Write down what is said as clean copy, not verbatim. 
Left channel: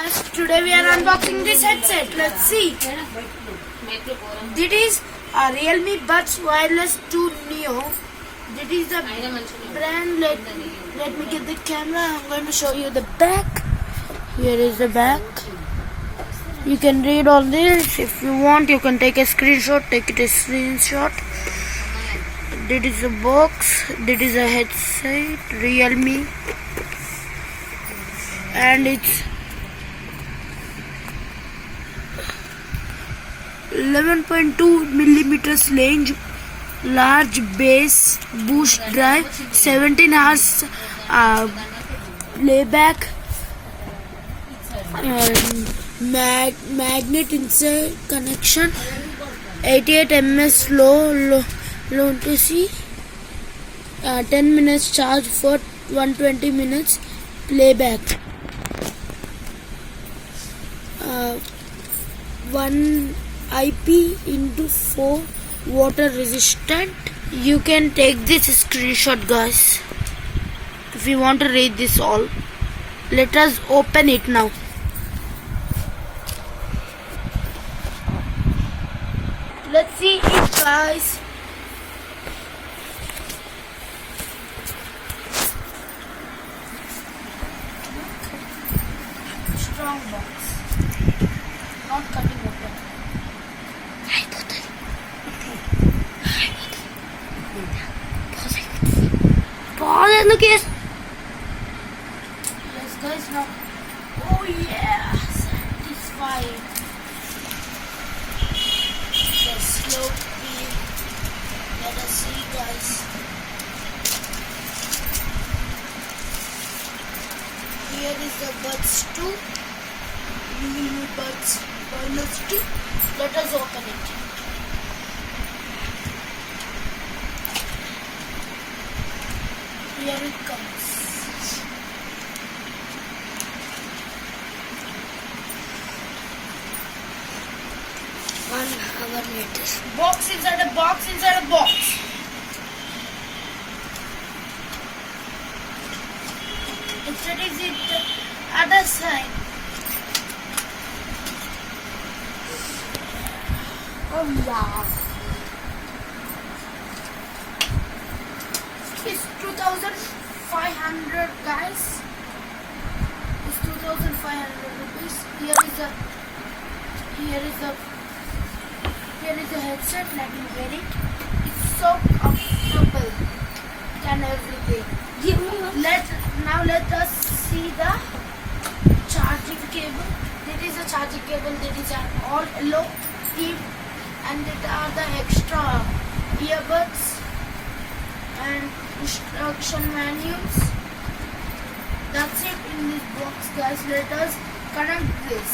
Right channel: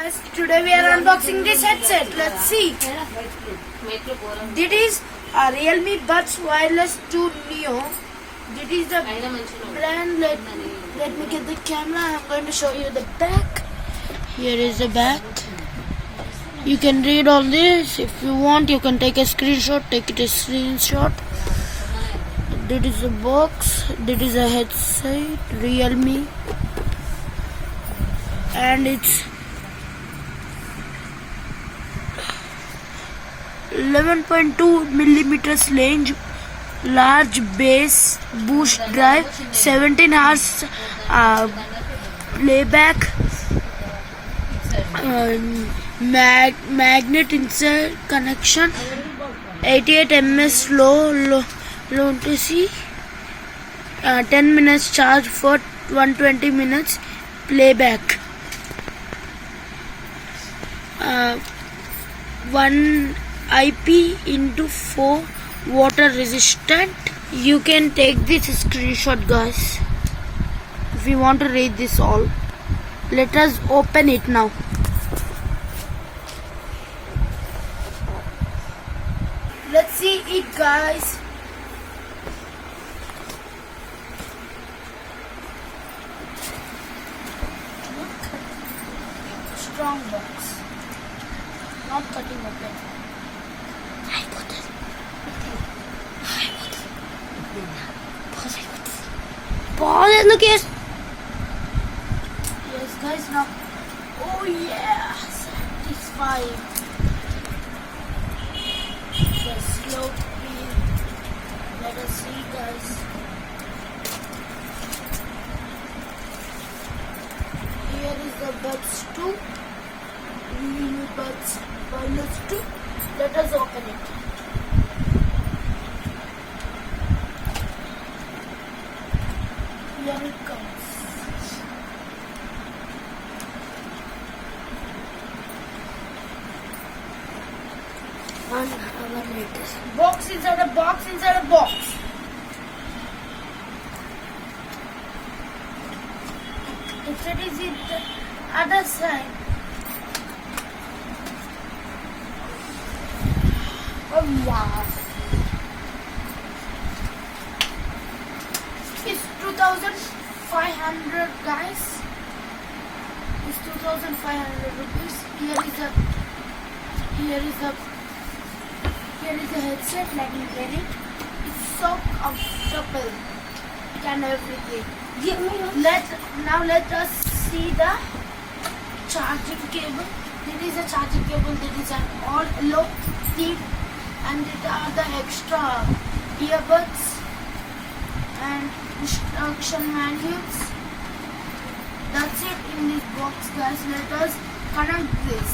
Guys, today we are unboxing this headset. Let's see. This is a Realme Buds Wireless 2 Neo. This is the brand. Let me get the camera. I'm going to show you the back. Here is the back. You can read all this. If you want, you can take a screenshot. Take it a screenshot. This is a box. This is a headset. Realme. And it's 11.2 millimeters range, large bass boost drive, 17 hours playback, magnet insert connection, 88 ms low latency, 10 minutes charge for 120 minutes playback, 1 IP/4 water resistant. You can take this screenshot, guys, if you want to read this all. Let us open it now. Let's see it, guys. Strong box, not cutting open. Yes guys, now oh yeah, satisfying. The slow peel. Let us see, guys. Here is the Buds 2, mini Buds Wireless 2. Let us open it. Here it comes. 1 hour later. Box inside a box inside a box. Instead is it the other side. Oh wow. It's 2,500, guys. It's 2,500 rupees. Here is a headset. Let me wear it. It's so comfortable and everything. Let us see the charging cable. There is a charging cable. There is an all yellow tip, and there are the extra earbuds and instruction manuals. That's it in this box, guys. Let us connect this.